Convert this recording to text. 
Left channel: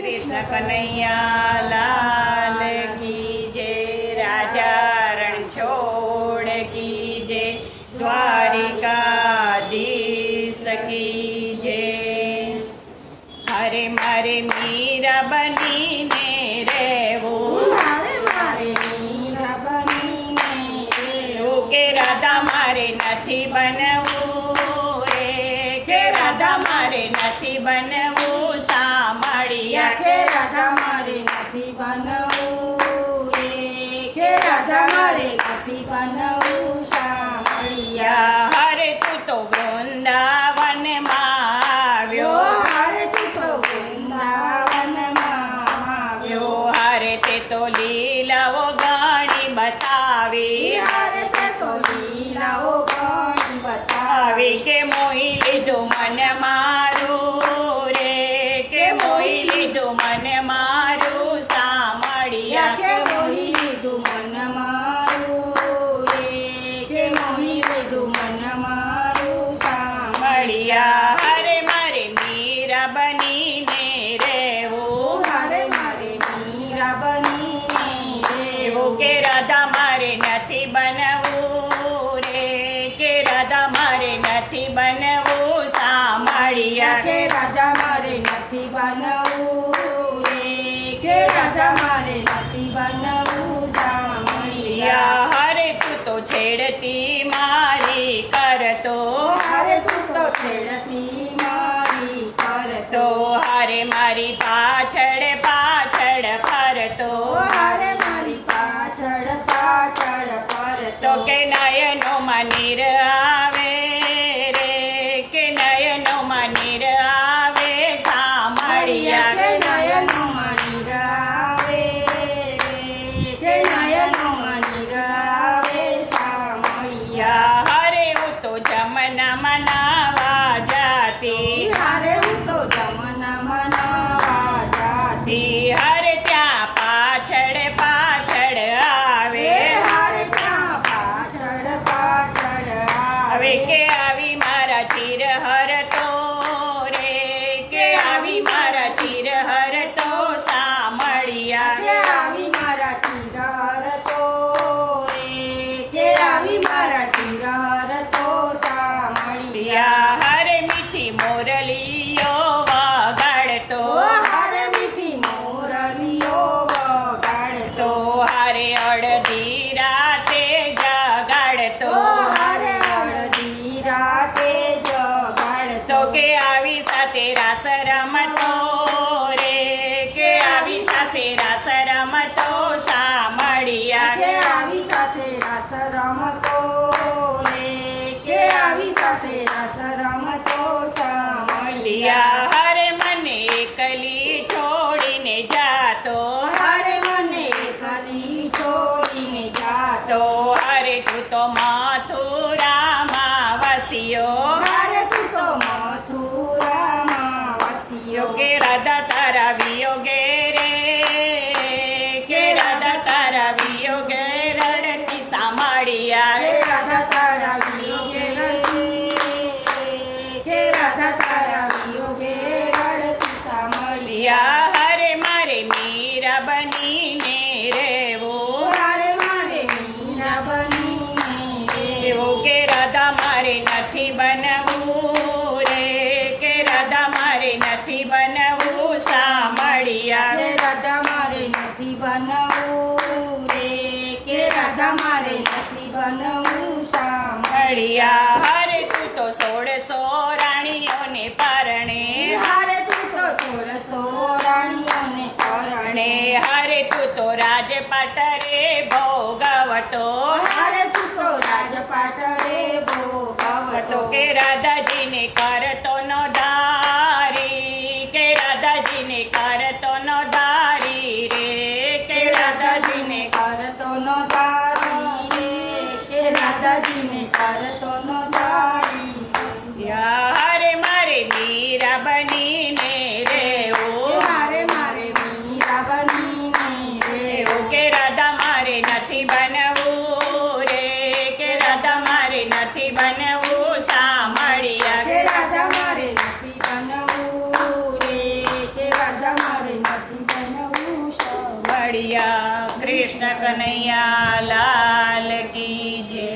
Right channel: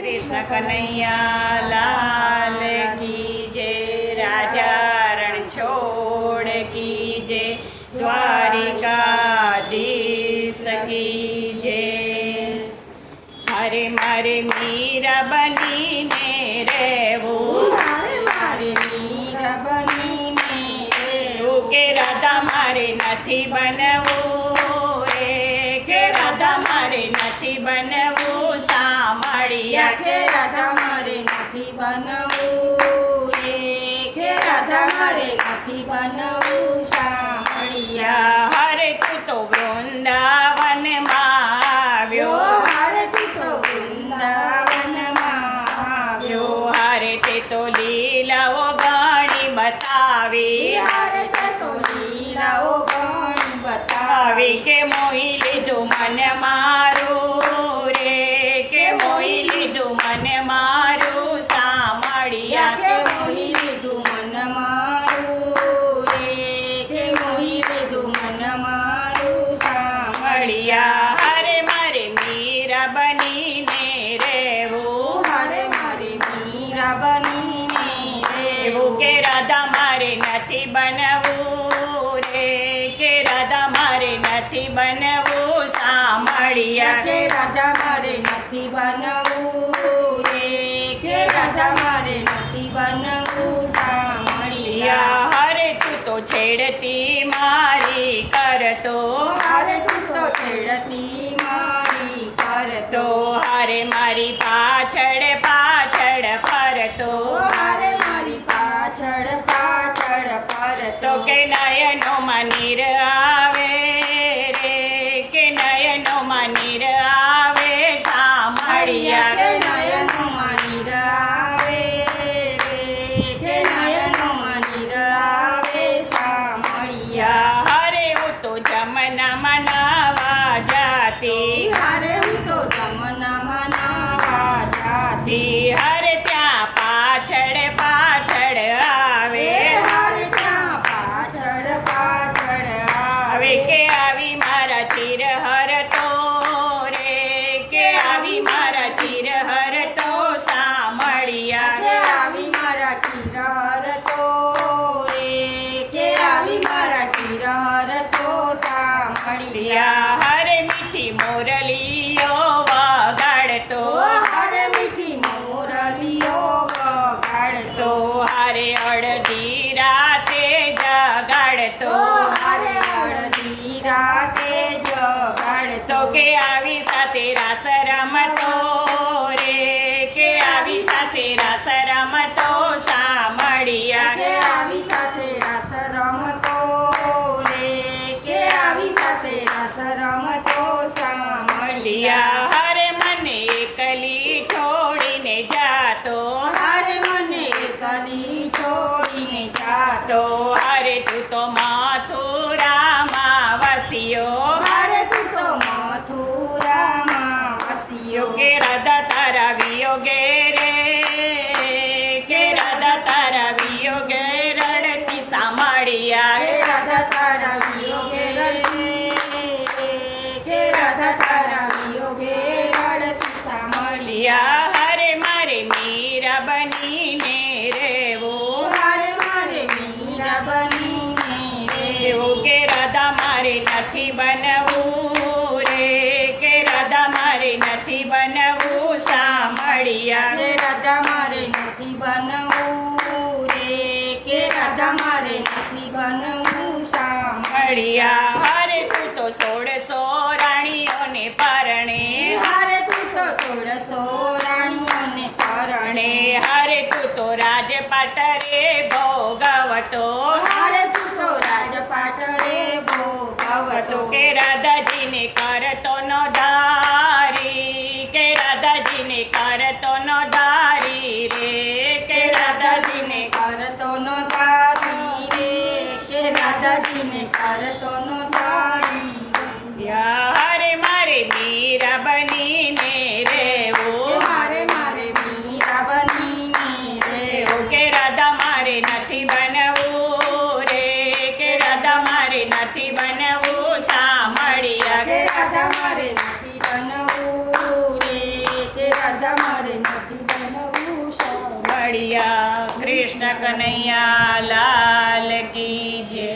कृष्ण कन्हैया लाल की जय। राजा रण छोड़ की जय। द्वारिकाधीश की जय। हरे मारे मीरा बनीने રહેવું, કે રાધા મારે નથી બનવું રે, કે રાધા મારે નથી બનવું સાંભળ્યા, કે રાધા મારે નથી બનવું રે, કે રાધા મારે નથી બનવું સાંભળ્યા. હરે તું તો વૃંદાવનમાં આવ્યો, હરે તું તો વૃંદાવનમાં આવ્યો, હરે તે તો લીલાઓ ઘણી બતાવી, હરે તે તો લીલાઓ ઘણી બતાવી, આવી કે મોહી લીધું મન મારું રે, કે મોહી લીધું મન મારું સાંભળ્યા, કે મોહી લીધું મન મારું રે, કે મોહી લીધું મન મારું સાંભળ્યા. હરે મારે મીરા બનીને રહેવું, હરે મારે મીરા બનીને એવું કે રાધા મારે નથી બનવું રે, કે રાધા મારે નથી બનવું સાંભળ્યા, કે રાધા મારે નથી બનવું રે, કે રાધા મારે નથી બનવું સાંભળ્યા. હરે તું તો છેડતી મારી કરતો, હરે તું તો છેડતી મારી તો કરતો, હરે મારી પાછળ પાછળ ફરતો, હરે મારી પાછળ પાછળ ફરતો, તો કે નયનોમાં નીર આવે રે, કે નયનોમાં નીર આવે સાંભળ્યા, કે નયનોમાં નીર આવે રે, કે નયનોમાં નીર આવે સાંભળ્યા. હરે હું તો જમનામાં નાવા જાતી, હરે હું તો જમનામાં નાવા જાતી, હરે ત્યાં પાછળ પાછળ આવે, હરે ત્યાં પાછળ પાછળ હવે કે આવી મારા ચિર હરતો રે, કે આવી મારા ચિર હરતો સાંભળ્યા, કે આવી મારા ચિરાર તો રે, કે આવી મારા ચિરાર તો સાંભળ્યા. હરે મીઠી મોરલીઓ વગાડતો, હરે મીઠી મોરલીઓ વગાડતો, તો હારે અડધી રાતે જગાડતો, હરે અડધી રાતે જગાડતો, તો કે આવી સાથે રાસ રમતો રે, કે આવી સાથે રાસ રમતો સાંભળ્યા, કે આવી સાથે રાસ રમતો રે, કે આવી સાથે રાસ રમતો સાંભળ્યા. હરે મને એકલી છોડીને જાતો, હરે મને એકલી છોડીને જાતો, તો હરે તું તો મથુરામાં વસ્યો, હરે તું તો મથુરામાં વસ્યો, કે રાધા તારા વિયોગે રે, કે રાધા તારા વિયોગે રડતી સાંભળ્યા, કે રાધા તારા વિયોગે રડતી, કે રાધા તારા વિયોગે રડતી સાંભળ્યા. હરે મારે મીરા બનીને રહેવું, હરે મારે મીરા બનીને એવું કે રાધા મારે નથી બનવું રે, કે રાધા મારે નથી બનવું સાંભળ્યા, કે રાધા મારે નથી બનવું રે, કે રાધા મારે નથી બનવું સાંભળ્યા. હરે તું તો 16 રાણીઓને પરણે, હરે તું તો 16 રાણીઓને પરણે, હરે તું તો રાજપાટ રે ભોગવતો, હરે તું તો રાજપાટ રે ભોગવતો, તો કે રાધાજીને કરતો નો ધારી, કે રાધાજીને કરતો નો ધારી રે, કે રાધાજીને કરતો નો તારી રે, કે રાધાજીને કરતો નો તારી. હરે મારે મીરા બનીને રહેવું, મારે મારે મીરા બનીને એવું કે રાધા મારે નથી બનવું રે, કે રાધા મારે નથી બનવું સાંભળ્યા, કે રાધા મારે નથી બનવું રે, કે રાધા મારે મારે નથી બનવું શામળિયા. મળ્યા કૃષ્ણ કનૈયા લાલ કી જય.